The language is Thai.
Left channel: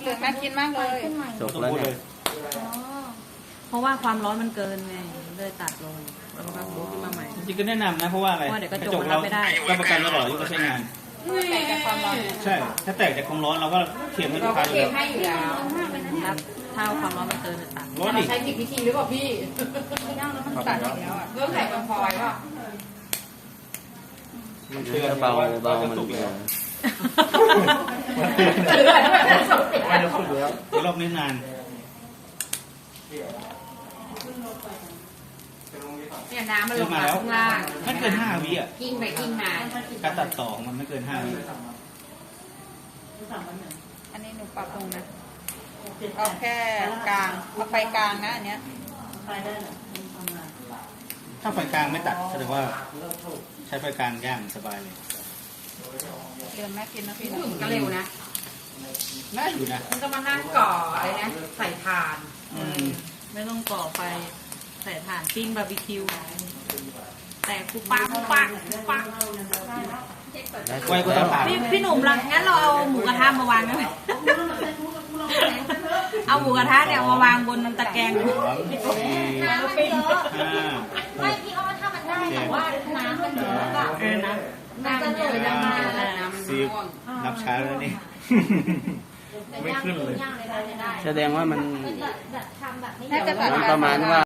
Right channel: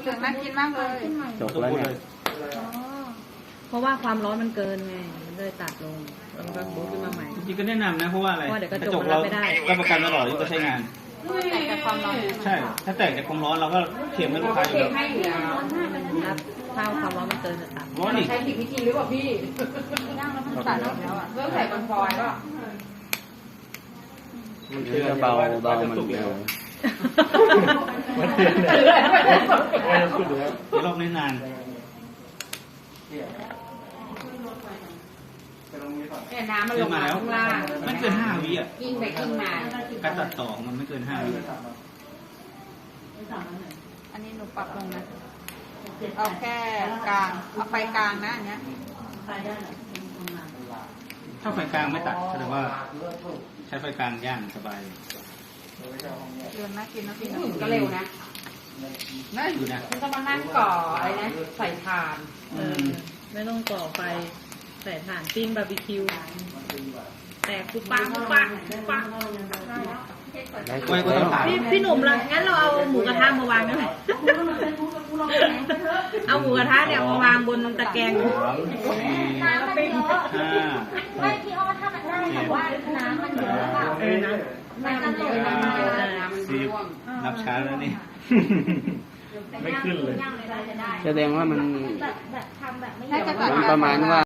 เหลืองน่ากินมากเลยจบแล้วเนี่ยเพราะว่าความร้อนมันเกินไงเลยตัดลงแล้วมันก็บูตขึ้นมาใหม่จริงๆก็แนะนำนะเพราะว่าอะไรเพราะเดี๋ยวกระจกมันรับไม่ได้รับประกันตลอดที่จะใช้งานแต่กับความร้อนใช่ ถ้าแตกจากความร้อนเราก็เข็มให้ลูกค้าอยู่แล้วให้อยู่แล้วรับเท่าความร้อนมันเกินจะตัดร้อนอีกใช้ผิดวิธีหรือเปล่าพี่ตัดแล้วอ่ะเรื่องใส่กันฟอยก็นี่ก็เบามันรอบนี้นานเนี่ยน้ำมันลงมาข้างล่างไม่เกิน5 วิอ่ะกิ้งไปกิ้งมาการตัดต่อมันไม่เกิน5 วิอันนี้หนูปรับลงนะเอาแค่กลางเอาไปกลางนะอันเนี้ยถ้าไฟกลางไม่ตัดแสดงว่าใช้ไฟกลางย่างสบายเลยเรียนน่ากินนะพี่ก็เร็วนะน่าอยู่นะมันก็มานั่งก่ออะไรนะใส่ถ่านไม่ต้องก่อไฟใส่ถ่านปิ้งบาร์บีคิวแต่กูปังปังปังได้สุกแล้วพี่หนุ่มเรางั้นเราเอาหมูกระทะมาวางได้ไหมเอาหมูกระทะเนี่ยมาวางบนตะแกรง 3 4 ไม่พี่อ้อถ้ามันได้แต่ว่าน้ำมันเยอะอะนะน้ำมันเยอะน้ำมันเยอะ 10นับช้าแล้วนี่ไม่ขึ้นเลยแสดงว่ามันแบบทำแบบไม่ถ้าจะตัดมันประมาณว่า